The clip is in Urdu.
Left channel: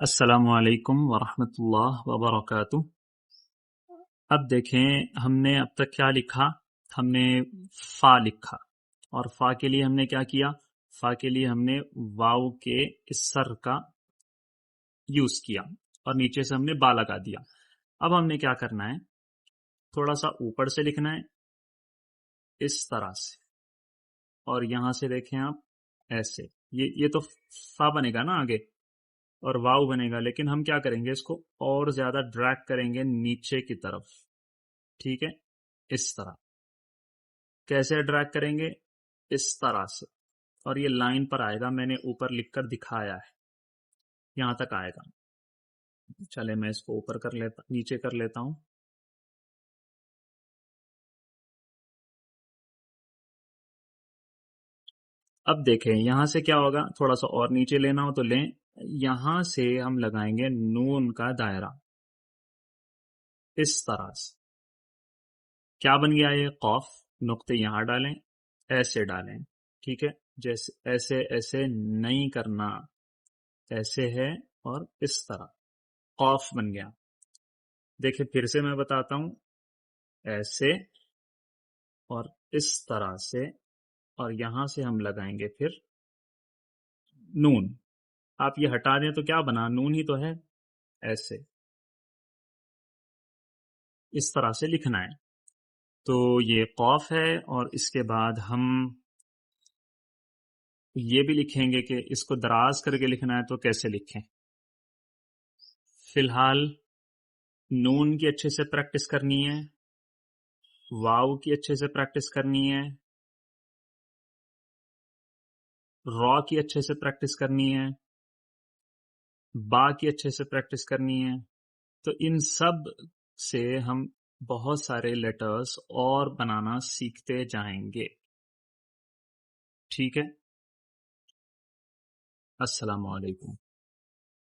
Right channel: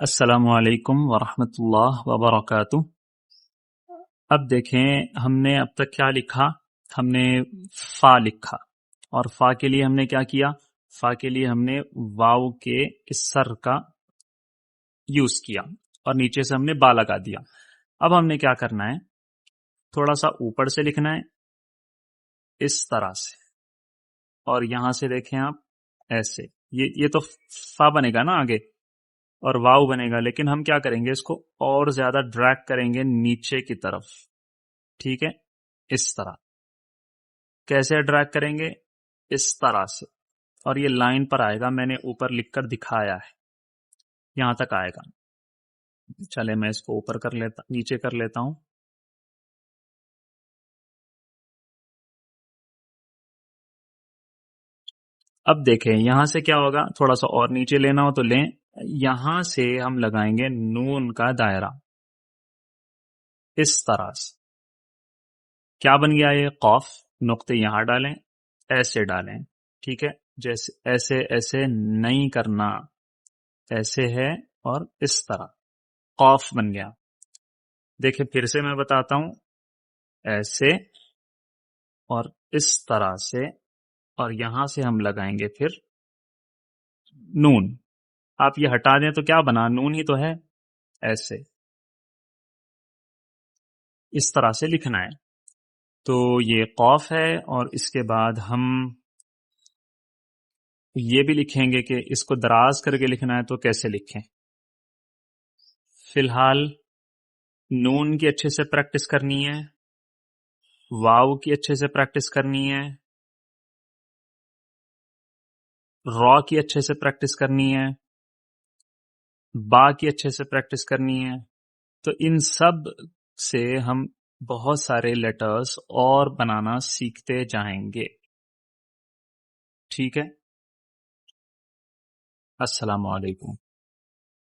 السلام علیکم ورحمۃ اللہ وبرکاتہ۔ اب دیکھیں ہم نے اب تک کیا لکھا، ہم نے فا لکھا، اور فا کے لیے ہم نے کیا کیا، فا کے لیے ہم نے واو کے کسر کا یوز کیا اور نیچے سے ہم نے با لگا دیا۔ اب ہم نے کیا کرنا ہے، تھوڑا سا اوپر سے لکھنا ہے اس طرح سے، اور یہاں سے دیکھیں آپ ایسے، یہ تو فا بنے گا نا آگے اور واو بنے گا، لیکن ہم کیا کریں گے، اس کو اور زیادہ ڈریگ کریں گے نیچے کی طرف، ٹھیک ہے، اس طرح۔ کیسے ڈریگ کریں گے؟ اس طرح سے، اور یہ لائن پر آئے گا، میں نے اوپر لکھ کر دکھایا ہے، یہاں تک آئے گا۔ چلے میں اس کو اوپر کر لیتا، نیچے کر لیتا ہوں۔ اب دیکھیں یہاں سے کیا ہوگا، تھوڑا سا اور نیچے لینا ہو تو لیں، یہاں سے ہم لگائیں گے نون کا دائرہ اس طرح سے۔ کیا بن گیا یہ قاف، نقطے یہاں ڈالیں، ایسے ڈالیں، ٹھیک ہے، جیسے ایسے ایسے نہیں کرنا، ایسے ہے اور اس طرح قاف بن گیا۔ دیکھیں پھر سے میں بتاتا ہوں، ایسے اور اس طرح سے، اور یہاں سے ہم لگائیں گے پھر نون۔ آپ یہ ہٹا دیں تو کیا بنا، نون ہی تو ہے، ایسے اس طرح سے لکھنا ہے۔ تو یہ قاف ہے، اور اس کے بعد ہم یہ بھی لکھیں گے کہ اس کو دراز کر کے لکھنا ہے تو کیسے لکھیں۔ فی الحال نون کی اچھے سے پریکٹس کرنی ہے، واو کی اچھے سے پریکٹس کرنی ہے، را کی اچھے سے پریکٹس کرنی ہے، با کی اچھے سے پریکٹس کرنی ہے۔ تو ان سب سے ہم بہت سارے لیٹرز اور بنانا سیکھتے جائیں گے، ٹھیک ہے۔ السلام علیکم۔